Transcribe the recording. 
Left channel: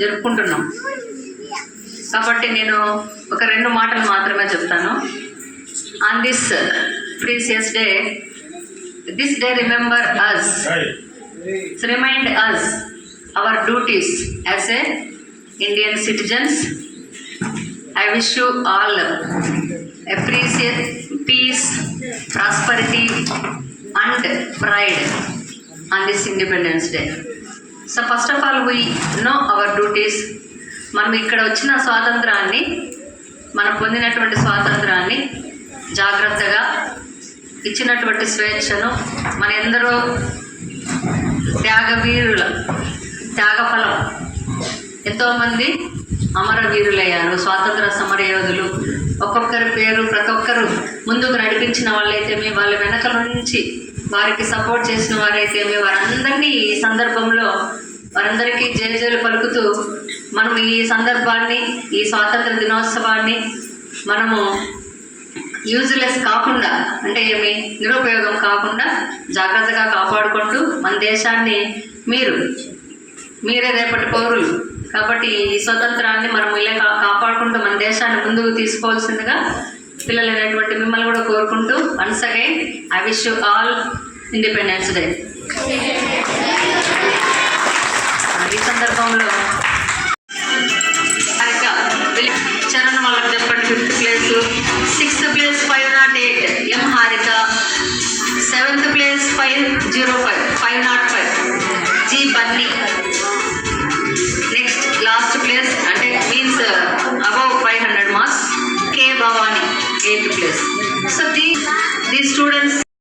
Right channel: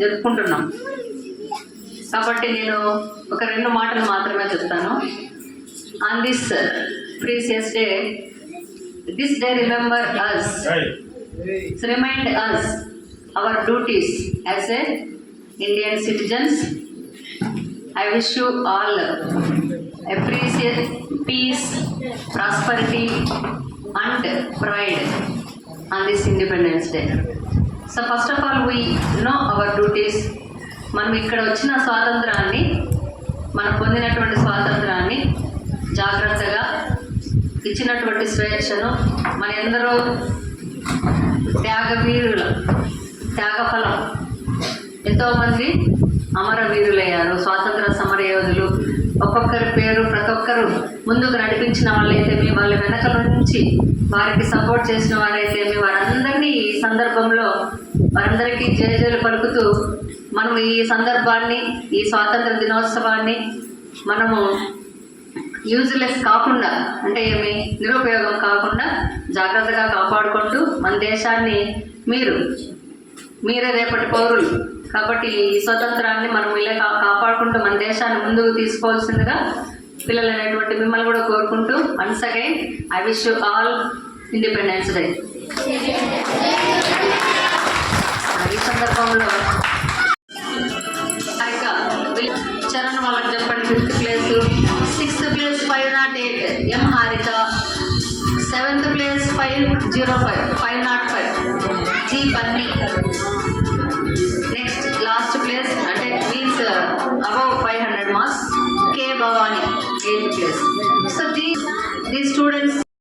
జరుపుకుంటున్నాం. కాబట్టి నేను ఒక రెండు మాటలు మాత్రమే చెప్తాను. On this precious day this day remember us remind us our duties as a Indian citizens I wish you all appreciate peace, prosperity, and pride on this Independence Day. So first of all we know our duties మనం ఇక్కడ వచ్చిన స్వాతంత్రాన్ని మనం పొందినటువంటి స్వాతంత్రాన్ని జాగ్రత్తగా ఇచ్చినటువంటి స్వేచ్ఛను మన ఎందరో త్యాగవీరుల త్యాగఫలం ఎంతోమంది అమరవీరులయ్యారు స్వాతంత్ర సమర యోధులు ఒక్కొక్కరి పేరు ప్రతి ఒక్కరు ముందుకు నడిపించిన వాళ్ళైతేమి వాళ్ళ వెనకల నుంచి వారికి సపోర్ట్ చేసిన వారైతేమి వారందరినీ ఈ సందర్భంలో వారందరికీ జయజయలు పలుకుతూ మనం ఈ సందర్భాన్ని ఈ స్వాతంత్ర దినోత్సవాన్ని మనము యూజ్లెస్ కాకుండా అంటే ఏమి నిరుపయోగం కాకుండా జాగ్రత్తగా కాపాడుకుంటూ మన దేశాన్ని మీరు మీరే రేపటి పౌరులు. కాబట్టి ఈ స్వతంత్రాన్ని మనం ఇలా కాపాడుకుంటూ మన దేశాన్ని ముందుకు తీసుకోవాల్సిందిగా పిల్లలు అనేటువంటి మిమ్మల్ని కూడా కోరుకుంటూ once again I wish you all Independence Day ఈ సందర్భంలో చరణ్ వాళ్ళకి చెప్పండి fifth place sixth place five naught eight M Harika. Seventh place five zero five five naught five G Bunny next last place అంటే means above five hundred marks K Bhavani 8th place. So these, these students